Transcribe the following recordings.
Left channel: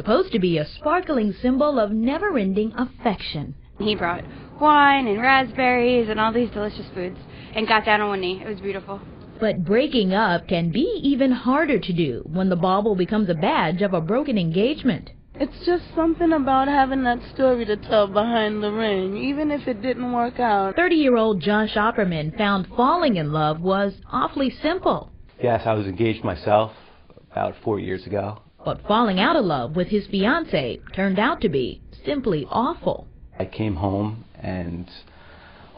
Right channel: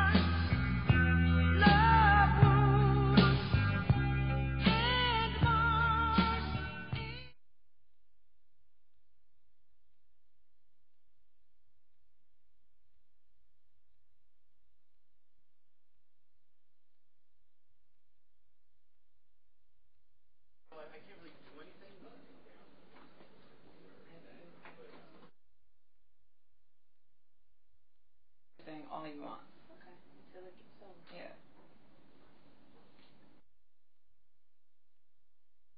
supposed to be a sparkling symbol of never-ending affection. He brought wine and raspberries and all these delicious foods and got down on one knee. It was beautiful. But breaking up can be even harder to do when the bauble becomes a badge of a broken engagement. It's just something about having that story to tell behind the ring, even if it didn't work out. 30-year-old Josh Opperman found falling in love was awfully simple. Yes, I was engaged myself about 4 years ago. But falling out of love with his fiancée turned out to be simply awful. I came home and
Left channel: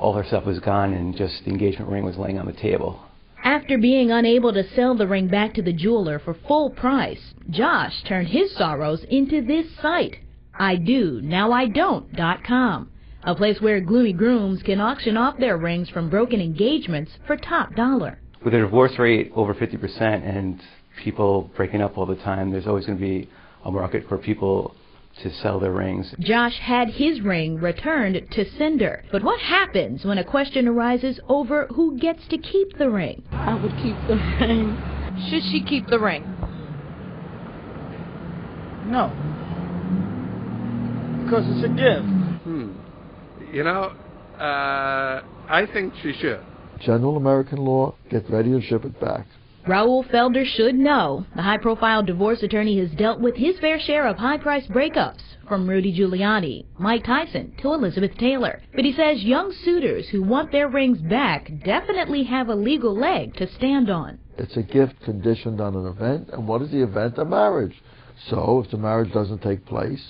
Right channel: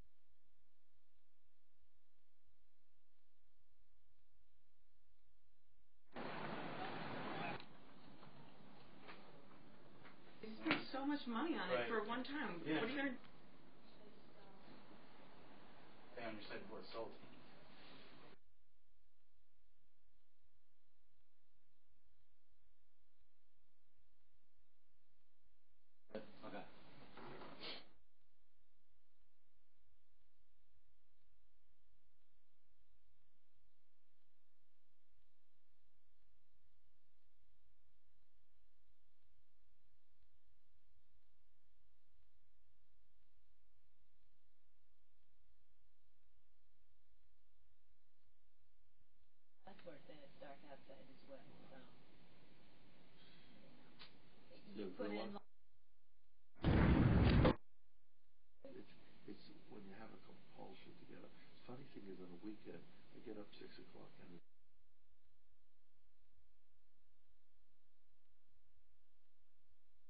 all her stuff was gone and just the engagement ring was laying on the table. After being unable to sell the ring back to the jeweler for full price, Josh turned his sorrows into this site, IDonowIDon't.com, a place where gloomy grooms can auction off their rings from broken engagements for top dollar. With a divorce rate over 50% and people breaking up all the time, there's always going to be a market for people to sell their rings. Josh had his ring returned to sender. But what happens when a question arises over who gets to keep the ring? I would keep the ring. Should she keep the ring? No. Because it's a gift. You know, I think she should. General American law, get ready to ship it back. Raul Felder should know. The high-profile divorce attorney has dealt with his fair share of high-priced breakups, from Rudy Giuliani, Mike Tyson, to Elizabeth Taylor. But he says young suitors who want their rings back definitely have a legal leg to stand on. It's a gift conditioned on an event, and what is the event? A marriage. So if the marriage doesn't take place,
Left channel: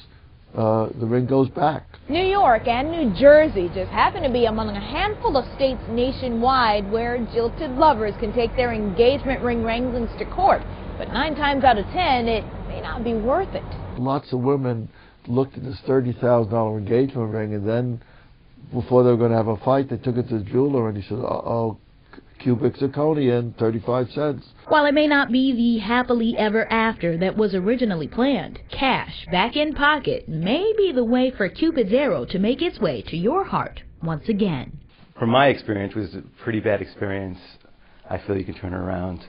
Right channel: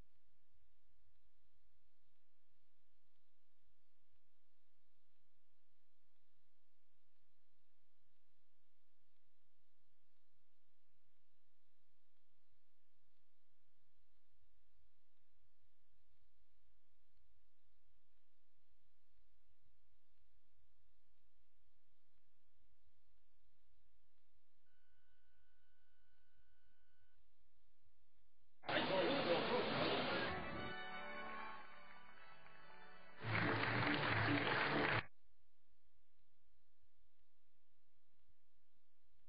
the ring goes back. New York and New Jersey just happen to be among a handful of states nationwide where jilted lovers can take their engagement ring wranglings to court. But 9 times out of 10, it may not be worth it. Lots of women looked at this $30,000 engagement ring, and then before they were going to have a fight, they took it to the jeweler, and he said, "Uh-oh, cubic zirconia, 35 cents. While it may not be the happily ever after that was originally planned, cash back in pocket may be the way for Cupid's arrow to make its way to your heart once again. From my experience, it was a pretty bad experience. I feel you can turn it around.